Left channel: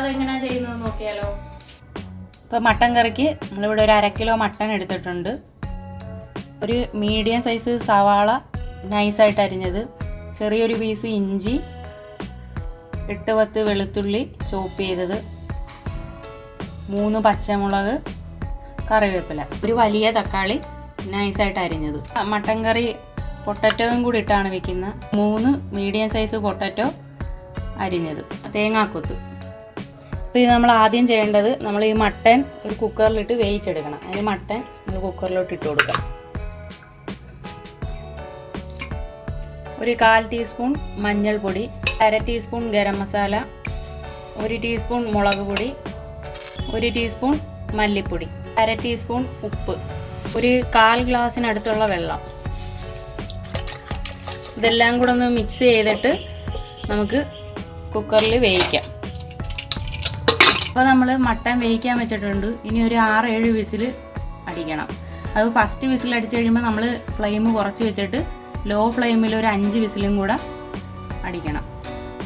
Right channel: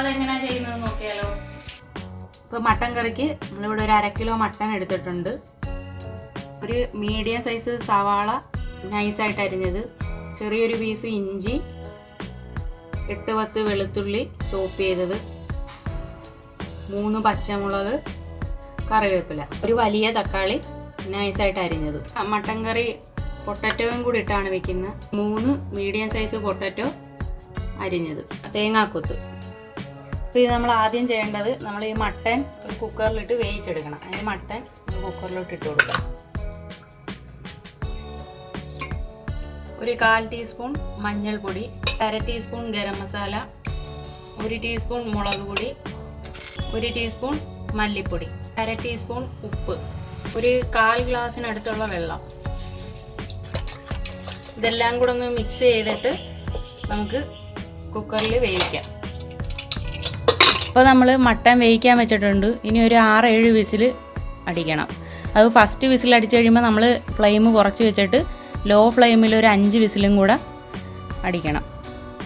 അതെങ്ങനെയാണ് ചെയ്യുന്നത് നോക്കിയാലോ. ഇപ്പോൾ മട്ടൻ കറിക്ക് നമ്മളിവിടെ ഒരു 1/2 കിലോ മട്ടൻ എടുത്തിട്ടുണ്ട്. ഒരു മീഡിയം സൈസ് സവാള നൈസായിട്ട് അരിഞ്ഞത്, ചെറിയൊരു പീസ് ഇഞ്ചി, 8-10 വെളുത്തുള്ളി ചോപ്പ് ചെയ്തത്, 3 പച്ചമുളക്, കറിവേപ്പില, ഒരു വലിയ തക്കാളി നൈസായിട്ട് അരിഞ്ഞത്. മട്ടൻ കറി പൊട്ടറ്റോയും കൂടി ഇട്ടാണ് വെക്കുന്നത്. 3 മീഡിയം സൈസ് പൊട്ടറ്റോ അരിഞ്ഞത്, തേങ്ങാക്കൊത്ത്. അപ്പോൾ ഇത് നമ്മൾ ആദ്യം ചെയ്യേണ്ടത്, നമ്മൾ ഈ മട്ടൻ ഒരു കുക്കറിലിട്ട് വേവിച്ചെടുക്കണം. അതിന് മട്ടൻ കുക്കറിലോട്ട് ഇട്ട് കൊടുക്കാം. ഒരു 1/4 ടീസ്പൂൺ മഞ്ഞൾപ്പൊടി, 1/2 ടീസ്പൂൺ ഗരം മസാല, 1 ടീസ്പൂൺ മുളക് പൊടി, 1 ടീസ്പൂൺ മല്ലിപ്പൊടി, 1/2 ടീസ്പൂൺ ഉപ്പ്, ഒരു 1/4 ഗ്ലാസ്സിനടുത്തുള്ള വെള്ളം. ഇതെല്ലാം കൂടെ ഒന്ന് മിക്സ് ചെയ്തിട്ട് നമുക്ക് കുക്കറിൽ വേവിക്കാം. അപ്പോൾ നമ്മൾ മട്ടൻ വേവിക്കാൻ വെച്ചിട്ടുണ്ട്. ഇനി ഒരു 6-7 വിസിൽ അടിക്കണം. അത് ഫസ്റ്റ് വിസിൽ അടിച്ചു കഴിയുമ്പോൾ നമ്മൾ ഫ്ലെയിം കുറച്ച് വെച്ചിട്ട് ലോ ഫ്ലെയിമിൽ ഒരു 5 വിസിലും കൂടെ അടിക്കണം.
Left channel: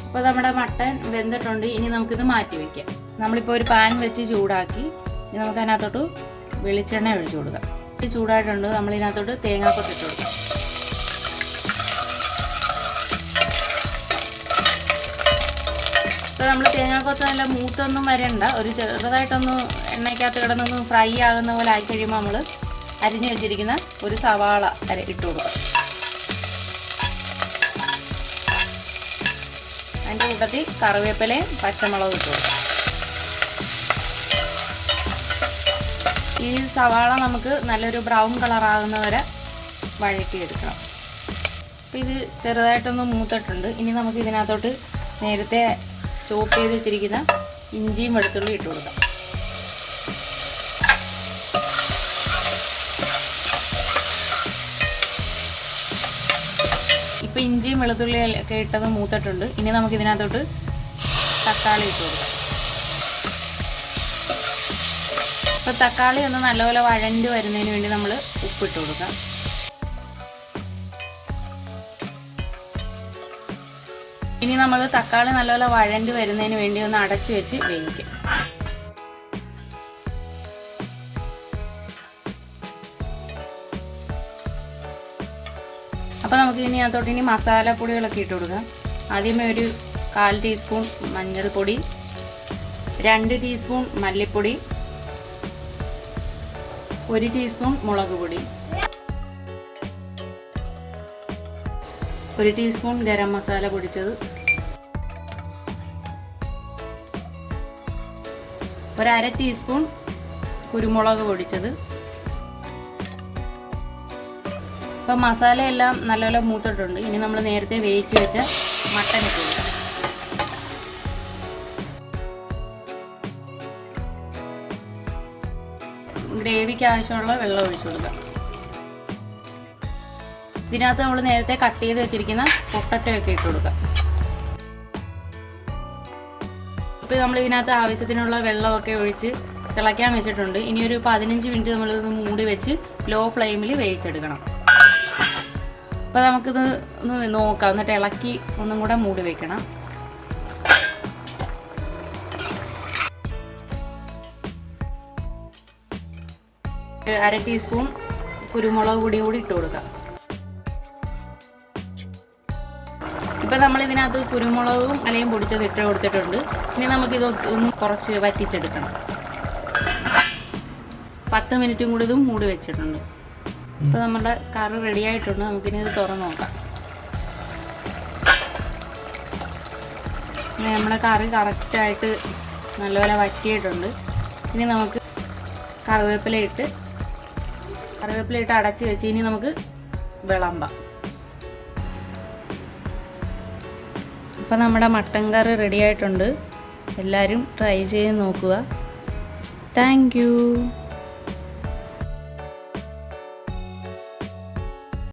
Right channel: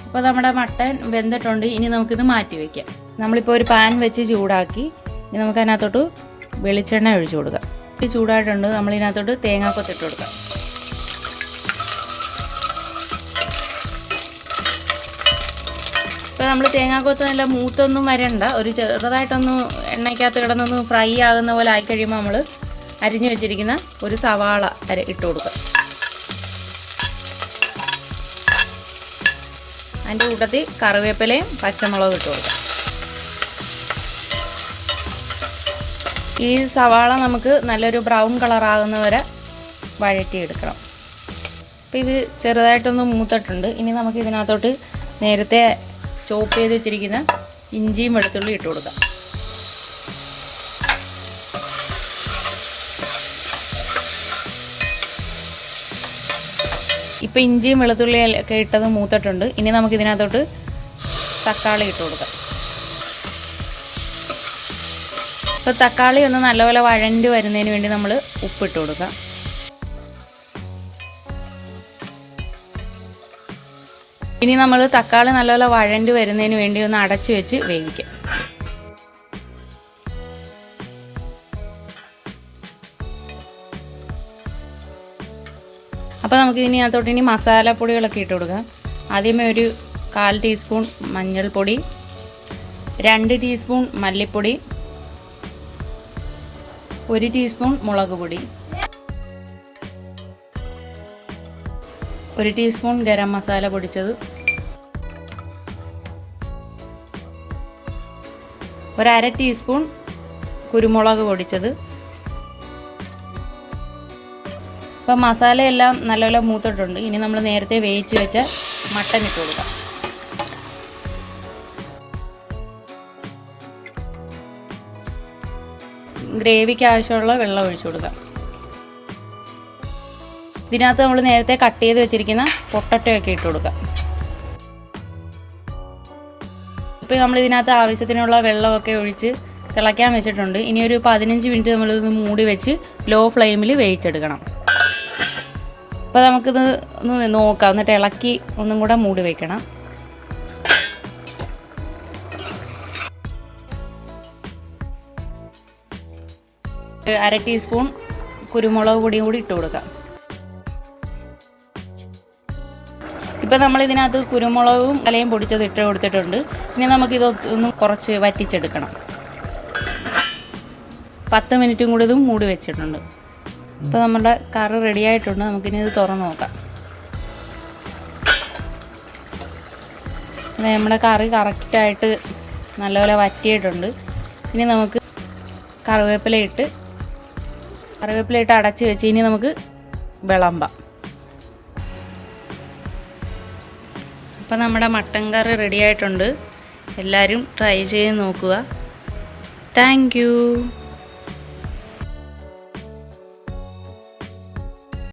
അപ്പോൾ നമ്മുടെ മട്ടൻ വെന്തിട്ടുണ്ട്. ഇനി നമുക്കിത് മാറ്റി വയ്ക്കാം. നമ്മളിപ്പോൾ ഒരു പാൻ വെച്ച് ചൂടാക്കി, ഇനി നമുക്ക് അതിനകത്തോട്ട് വെളിച്ചെണ്ണ ഒഴിച്ചു കൊടുക്കാം. ഇത് ചൂടായിട്ടുണ്ട്. നമ്മളിതിനകത്തോട്ട് തേങ്ങാക്കൊത്ത് ഇട്ട് കൊടുക്കാം. ഇപ്പോൾ നമ്മൾ തേങ്ങാക്കൊത്ത് നല്ല മൂത്തൊന്നും വരണ്ട, ഒരു ചെറുതായിട്ടൊന്ന് എണ്ണയ്ക്കകത്ത് കിടന്നൊന്ന് ഫ്രൈ ആകുന്ന പോലെ ആയിക്കഴിയുമ്പോൾ നമ്മൾ അരിഞ്ഞു വെച്ചിരിക്കുന്ന ഒരു സവാള ഇട്ട് കൊടുക്കുക. അതിൻ്റെ കൂട്ടത്തിൽ കറിവേപ്പിലയും പച്ചമുളകും ഇട്ട് കൊടുക്കുക. ഈ സവാള നമുക്ക് നല്ലൊരു ബ്രൗൺ കളറാകുന്ന വരെ വഴറ്റിയെടുക്കണം. അപ്പോൾ ഇത് ചെറുതായിട്ടൊന്ന് മൂത്തിട്ടുണ്ട്. ഇനി നമുക്ക് ഇതിനകത്തോട്ട് നേരത്തെ ചോപ്പ് ചെയ്ത് വെച്ചിരിക്കുന്ന ഇഞ്ചിയും വെളുത്തുള്ളി ഇട്ട് കൊടുക്കാം. ഇപ്പോൾ ഇഞ്ചിയും വെളുത്തുള്ളി ഒക്കെ ഇട്ടത് മൂത്തിട്ടുണ്ട്. ഇനി നമുക്ക് ഇതിനകത്തോട്ട് തക്കാളി ഇട്ട് കൊടുക്കാം. ഇപ്പോൾ തക്കാളി ഒന്ന് നല്ലപോലെ വഴണ്ടി വരുന്നതിന് വേണ്ടി നമ്മൾ ഉപ്പിട്ട് കൊടുക്കാം. ഇനി നമ്മൾ തക്കാളി നല്ലപോലെ വഴണ്ടി വരുന്നതിന് വേണ്ടി ഒന്ന് അടച്ചു വെച്ച് വേവിക്കാം. അപ്പോൾ നമുക്ക് ഇതിനകത്തോട്ട് ഇനി മസാലപ്പൊടികളൊക്കെ ഇട്ട് കൊടുക്കാം. ആദ്യമേ ഒരു 1/4 ടീസ്പൂൺ മഞ്ഞൾപ്പൊടി, 2 ടീസ്പൂൺ മല്ലിപ്പൊടി, 1 ടീസ്പൂൺ മുളക് പൊടി, 1 ടീസ്പൂൺ ഗരം മസാല പൊടിച്ചത്, 1/2 ടീസ്പൂൺ കുരുമുളക് പൊടിച്ചത്. അപ്പോൾ മസാലയെല്ലാം നല്ലപോലെ മൂത്തിട്ടുണ്ട്. ഇനി നമ്മൾ നേരത്തെ വേവിച്ച് വെച്ച മട്ടൻ ഇട്ട് കൊടുക്കാം. ഗ്രേവിക്ക് ആവശ്യമുള്ള വെള്ളം ഒഴിച്ചു കൊടുക്കാം. ഇതിനകത്ത് നമ്മൾ നേരത്തെ കട്ട് ചെയ്ത് വെച്ചിരിക്കുന്ന പൊട്ടറ്റോ ഒക്കെ ഇട്ട് കൊടുക്കാം. ഇപ്പോൾ നമ്മൾ ഇതിനകത്ത് ആവശ്യത്തിനുള്ള വെള്ളമൊക്കെ ഒഴിച്ച് തിളയ്ക്കാൻ വെച്ചിട്ടുണ്ട്. ഇനി ഒരു 15 മിനിറ്റ് നമ്മളിത് മൂടി വെച്ച് ലോ ഫ്ലെയിമിൽ വേവിച്ചെടുക്കണം. അപ്പോൾ നമുക്കിത് ഒന്ന് നോക്കാം. എന്നിട്ട് ഇളക്കി ഒന്നും കൂടെ മൂടി വയ്ക്കണം. ഒരു 1/2 ടീസ്പൂൺ കുരുമുളക് പൊടി കൂടി ഇട്ട് കൊടുക്കാം. ഇപ്പോൾ നമ്മളിതിനകത്ത് കുരുമുളകും ഇലയും പൊടിച്ചത് ഇട്ട് കൊടുത്തിട്ടുണ്ട്. ഇനി നമുക്കിത് ഒന്ന് കുറച്ച് വറ്റിച്ചെടുക്കണം. 10 മിനിറ്റും കൂടി ഇതും മൂടി വെച്ചിട്ടുണ്ട്. ഇപ്പോൾ നമ്മുടെ കറി റെഡി ആയിട്ടുണ്ട്. നമുക്കിനി ഇത് തുറന്ന് നോക്കാം. നമ്മുടെ കറി കറക്റ്റായിട്ട് നല്ലപോലെ വറ്റിയിട്ടുണ്ട്. ഇനി നമുക്ക് കറിവേപ്പില ഇട്ട് അടച്ച് വെച്ച് ഇനി നമുക്ക് വിളമ്പാം. അപ്പോൾ നമ്മുടെ മട്ടൻ കറി റെഡി ആയിട്ടുണ്ട്. എല്ലാവരും ട്രൈ ചെയ്ത് നോക്കുക. Thank you.